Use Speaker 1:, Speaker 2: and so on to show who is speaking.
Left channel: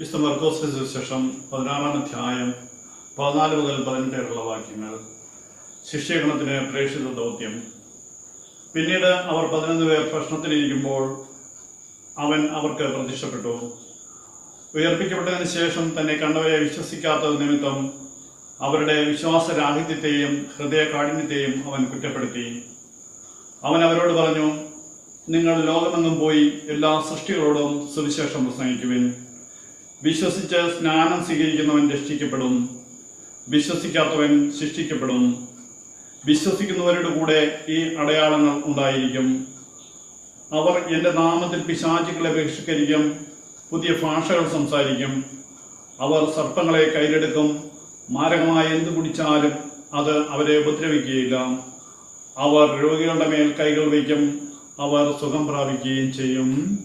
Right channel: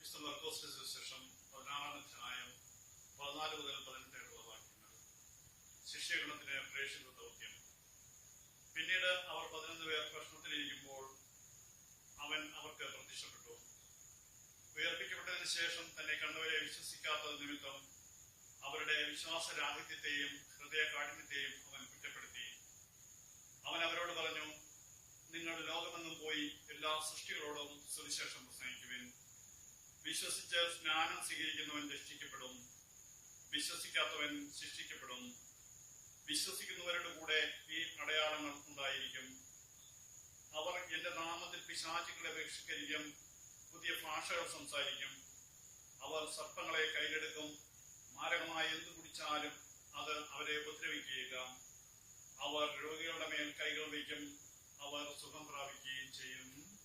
Speaker 1: വിശുദ്ധ മർക്കോസ് സുവിശേഷം പതിനാറാം അധ്യായം പതിനാല് മുതൽ പതിനെട്ട് വരെയുള്ള വാക്യങ്ങൾ. ശിഷ്യഗണത്തിന് പ്രേക്ഷിത ദൗത്യം. പിന്നീട് അവർ പതിനൊന്ന് പേർ ഭക്ഷണത്തിനിരിക്കുമ്പോൾ അവൻ അവർക്ക് പ്രത്യക്ഷപ്പെട്ടു. ഉയർപ്പിക്കപ്പെട്ടതിന് ശേഷം തന്നെ കണ്ടവരെ വിശ്വസിക്കാത്തത് നിമിത്തം അവരുടെ വിശ്വാസരാഹിത്യത്തെയും ഹൃദയ കാഠിന്യത്തെയും അവൻ കുറ്റപ്പെടുത്തി. അവൻ അവരോട് പറഞ്ഞു നിങ്ങൾ ലോകമെങ്ങും പോയി എല്ലാ സൃഷ്ടികളോടും സുവിശേഷം പ്രസംഗിക്കുവിൻ. വിശ്വസിച്ച് സ്നാനം സ്വീകരിക്കുന്നവൻ രക്ഷിക്കപ്പെടും. വിശ്വസിക്കാത്തവൻ ശിക്ഷിക്കപ്പെടും വിശ്വസിക്കുന്നവരുടെ കൂടെ ഈ അടയാളങ്ങൾ ഉണ്ടായിരിക്കും. അവർ എന്റെ നാമത്തിൽ പിശാചുക്കളെ ബഹിഷ്കരിക്കും പുതിയ ഭാഷകൾ സംസാരിക്കും. അവർ സർപ്പങ്ങളെ കയ്യിലെടുക്കും. മാരകമായ എന്ത് കുടിച്ചാലും അത് അവരെ ഉപദ്രവിക്കുകയില്ല. അവർ രോഗികളുടെ മേൽ കൈകൾ വയ്ക്കും. അവർ സുഖം പ്രാപിക്കുകയും ചെയ്യും.